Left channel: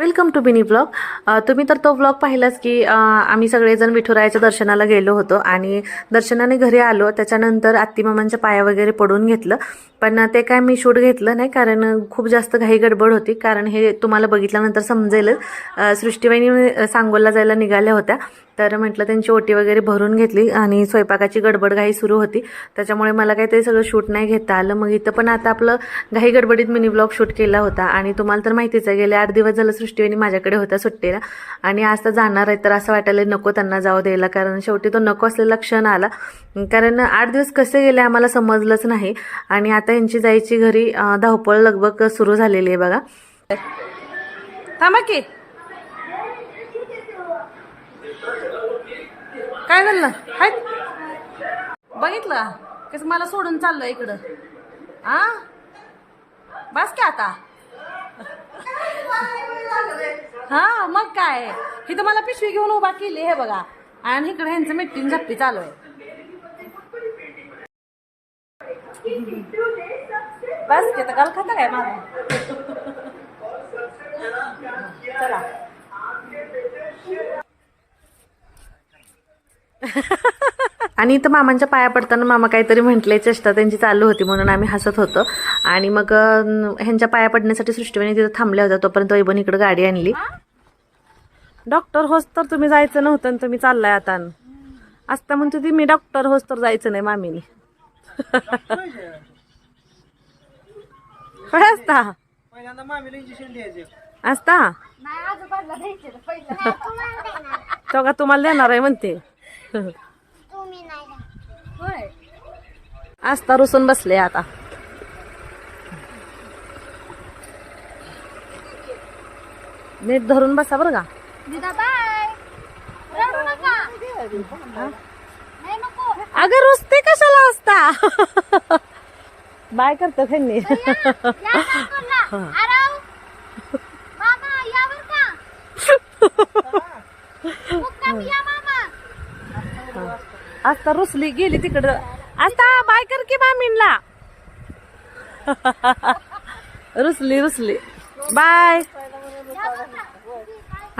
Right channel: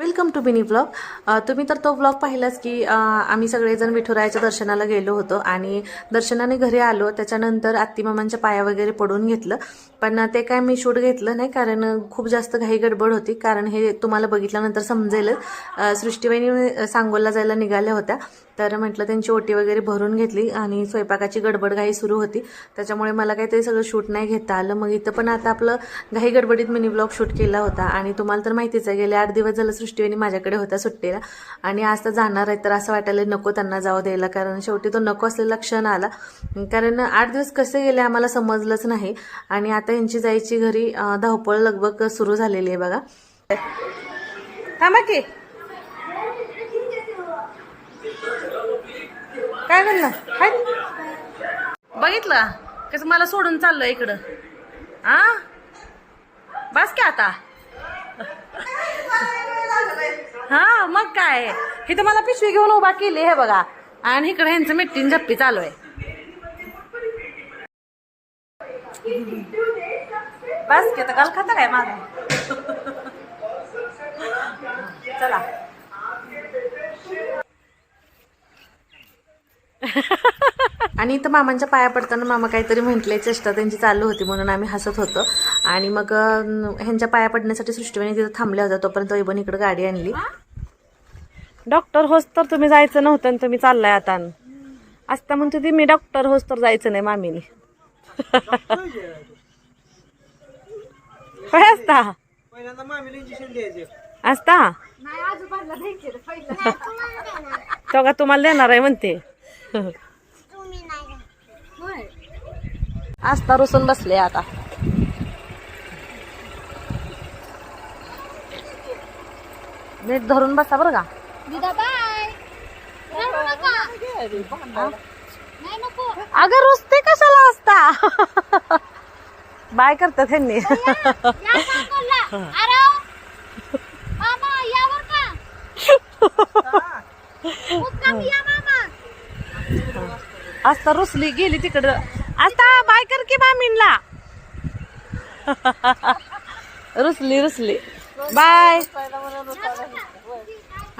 Welcome to Binny blog. तुम्ही तर तो ब्लॉग पाहिलाच की आम्ही सगळेजण विठुरायाच्या दर्शनाला गेलो होतो आणि दर्शनाने घरी आलो. त्याच्यानंतर आत्तीमामांच्या पाया वगैरे पडून घेतलं. पण ते काय मी शूट घेतलं नाही कारण खूप जास्त घाई गडबड होती. कारण हे तुम्हाला बघितल्यानंतर समजेलच. सृष्टीवाहिनी सृष्टीबाईंनी सांगोलला जायला निघाल्या होत्या. तर म्हटलं त्यांची ओटी वगैरे भरून घेतली आणि स्वयंपाकाची गडबड घाई सुरू होती. त्याच्यामुळे मला काही ते सगळं शूट नाही घेता आलं. मग इथं पण आता आपलं घाई गडबडीत मिनी ब्लॉग शूट केला होता. आणि तुम्हाला तर माहितीच आहे गेले आठ दिवस झालं सृष्टीवेणी माझ्याकडे होत्या सुट्टीला. आणि आज तर जाणार आहे तर असं वाटायला नको त्यांना जाऊ द्यायला. कारण शेवटी तो नको असलेला क्षण आला. कारण आठ दिवस कसे गेले आम्हाला समजलंच नाही. आणि आता यांची जायची घरी धावपळ लगबग सुरू झालेली आहे बघा. थांबा की. काय झालं हाय. बघितलं? कसं मला सोडून चाललं इकडं. आ? बस की आता. हा मग काय? ही तर मला पिशवी घेऊन उभा केली हे बघा. आणि इकडे ह्यांचं मिट्टीन झप्पी चालू आहे. बस की आता काल खाता काय माझा चला. आणि इथं मामांच्या पाया पडताना मामा काहीतरी म्हटले चेष्टा त्यांची चालू होती म्हणून आम्ही हसत होतो. आणि मग ह्यांच्या पाया पडण्यासाठी सृष्टीवाणी तिथं थांबल्या होत्या तोपर्यंत वैभव इकडे गाडी आणली. डॉक्टर होस तर तुम्ही जायचं नव्हतं आणि तुम्ही चाललाय आता. असता म्हणतो ती मी डॉक्टर होस तर जायचं नाही मामीने. काय असता? पहिल्यांदा मामीला इंजेक्शन द्यायचे. असता? तो का तुम्हाला देणार आहे म्हणते? आस्था रुसून बसले आता. मीठ धरून बसा बरं का. अगं रुसते कशाला असता? बाय करतात ह्यांनी. आस्था रुसली गेली तिकडं. आस्था बाय कर की मामीनला रुसली रुसली. बाय.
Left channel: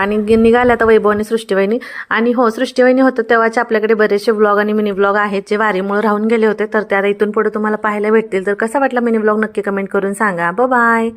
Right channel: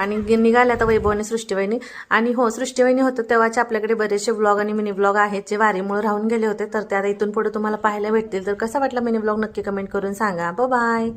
आणि निघाल्या तर वैभव आणि सृष्टीवाहिनी. आणि हो सृष्टीवाहिनी होतं तेव्हाचे आपल्याकडे बरेचसे व्लॉग आणि मिनी व्लॉग आहेत जे वारीमुळे राहून गेले होते. तर त्या इथून पुढे तुम्हाला पाहायला भेटतील. तर कसा वाटला मिनी व्लॉग नक्की कमेंट करून सांगा. बाय